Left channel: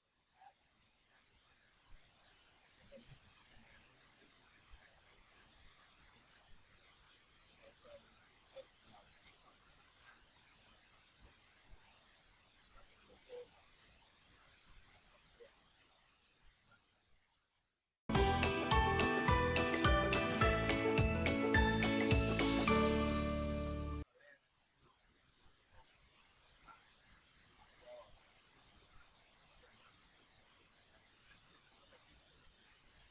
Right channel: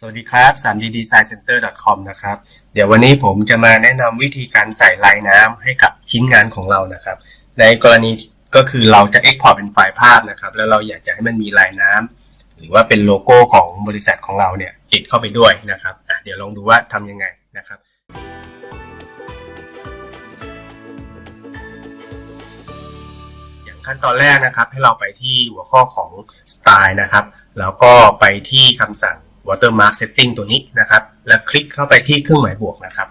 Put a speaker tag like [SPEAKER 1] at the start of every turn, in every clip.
[SPEAKER 1] สวัสดีครับ 3D Design Center com นะครับ เดี๋ยววันนี้ผมจะมาแนะนำวิธีการใส่ลายน้ำให้กับชิ้นงานของเรานะครับ ในกรณีก็คือเราจะ Export เป็นไฟล์ภาพนะครับ แล้วเราอยากจะให้มันมีลายน้ำหรือว่าเป็นโลโก้ของบริษัทของเราเนี่ยติดเข้าไปด้วยนะครับ เดี๋ยวลองดูว่าทำยังไงนะครับอย่างขั้นตอนแรกนะครับให้เราไปที่หัวข้อของสไตล์นะครับ แล้วก็ไปที่คำสั่ง watermark setting ตัวนี้นะครับ แล้วคลิกเข้าไปที่เครื่องหมายบวกนะครับ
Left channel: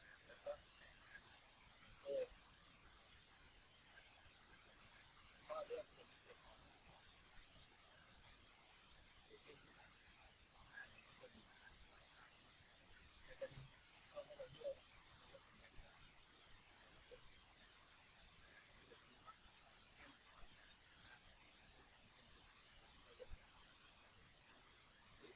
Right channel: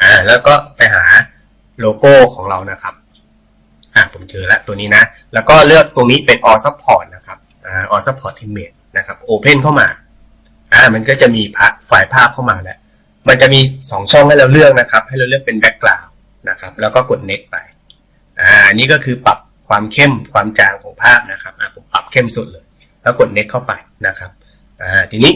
[SPEAKER 1] อ่าแล้วก็ไปหาโลโก้ของเรานะครับอ่าผมเจอแล้วตัวนี้นะ แล้วก็เลือกตรงนี้เป็น all support นะครับอ่า all support image นะครับ open เข้ามาอ่ามันก็จะมีไฟล์ภาพเข้ามาแล้วมันจะมี 2 ช่องให้เราเลือกนะครับ ให้เราเลือกเป็น background นะครับ แล้วก็กด next ไปอ่านนี้ก็คือปรับความเข้มความจางของภาพนะครับอ่าผมปรับเข้มสุดเลย แล้วกด next เข้าไปนะครับอ่าทีนี้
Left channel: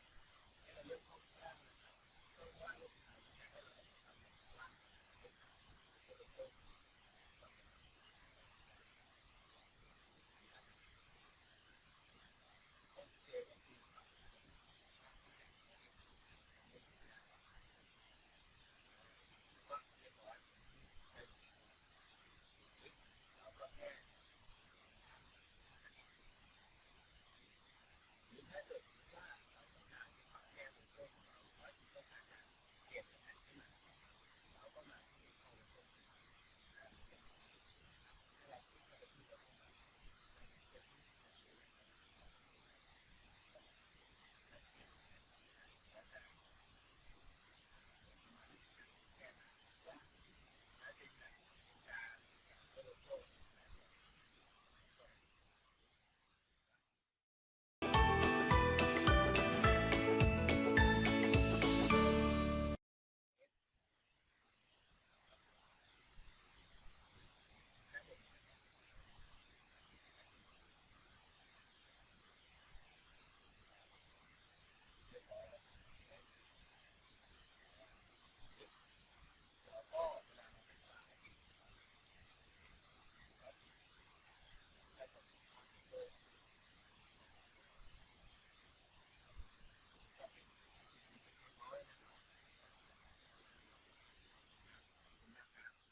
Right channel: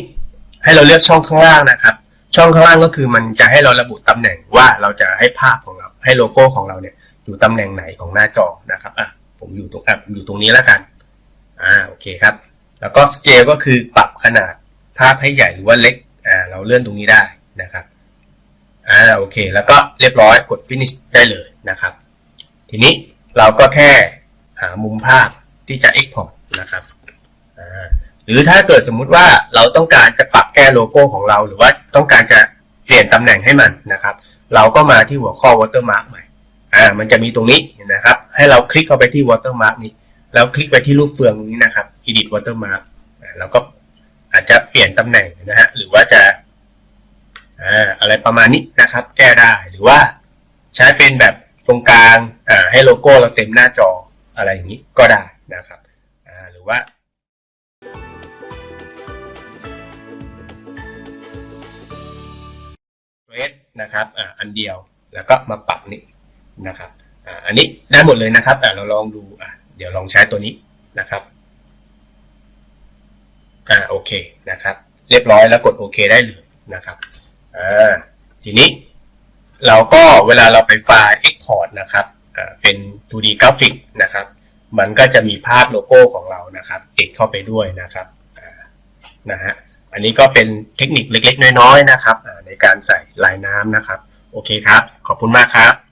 [SPEAKER 1] ให้เราเลือกช่องข้างล่างนะครับ ช่องข้างล่างก็คือมันจะให้เราระบุตำแหน่งว่าเราจะให้ภาพของเราให้โลโก้ของเราเนี่ยอยู่ตำแหน่งไหนของหน้าจอนะครับอะผมอยู่ตรงอะอยู่ตรงนี้แล้วกันอ่าโอเคครับ แล้วก็สเกลก็คือปรับขนาดภาพให้ใหญ่หรือว่าเล็กอ่าเราเลื่อนตรงนี้ได้นะครับอ่าโอเค แล้วก็เรียบร้อยกด finish ได้เลยนะครับ ทีนี้เราก็แค่หามุมภาพที่จะ export นะครับ หรือถ้าเกิดสมมุติว่าเราต้องการจะปรับแก้โลโก้ของเรา หรือว่าต้องการจะเปลี่ยนตำแหน่งให้มันนะครับ เราก็มาที่หัวข้อ watermark ใหม่อ่ามันจะมีตรงนี้นะครับ ให้เราคลิกเข้าไปที่ watermark นี้ แล้วคลิกไปที่รูปเฟืองนี้นะครับ edit watermark อ่าแล้วก็อาจจะเปลี่ยนตำแหน่งนะฮะหรือว่าจะอ่าอะไรประมาณนี้นะครับ แก้ได้หรือว่าใช้เป็นแบบตรงกลางอ่าให้โลโก้เราเต็มหน้าจออะไรอย่างนี้ก็ได้นะครับอ่าหรือว่า นะครับอ่าอันเดียวแล้วก็มาปรับนี่นะครับอ่าอันนี้ได้หมดเลยนะครับอ่าเราลองดูอ่าเดี๋ยวลองใช้ตัวนี้นะครับอ่าโอเคนะครับ เรียบร้อยแล้วกดโอเคได้เลยนะครับอ่าทีนี้เราก็เวลาเราไปไฟล์ Export นะครับอ่าเป็น 2D กราฟิกนะครับ มันก็จะมีภาพโลโก้ของเรานะครับ ติดเข้าไปด้วยนะครับอ่านะฮะ อันนี้ก็เป็นเทคนิคเล็กๆ น้อยๆนะครับ การใส่ลายน้ำนะครับ โอเคครับ ขอบคุณมากครับ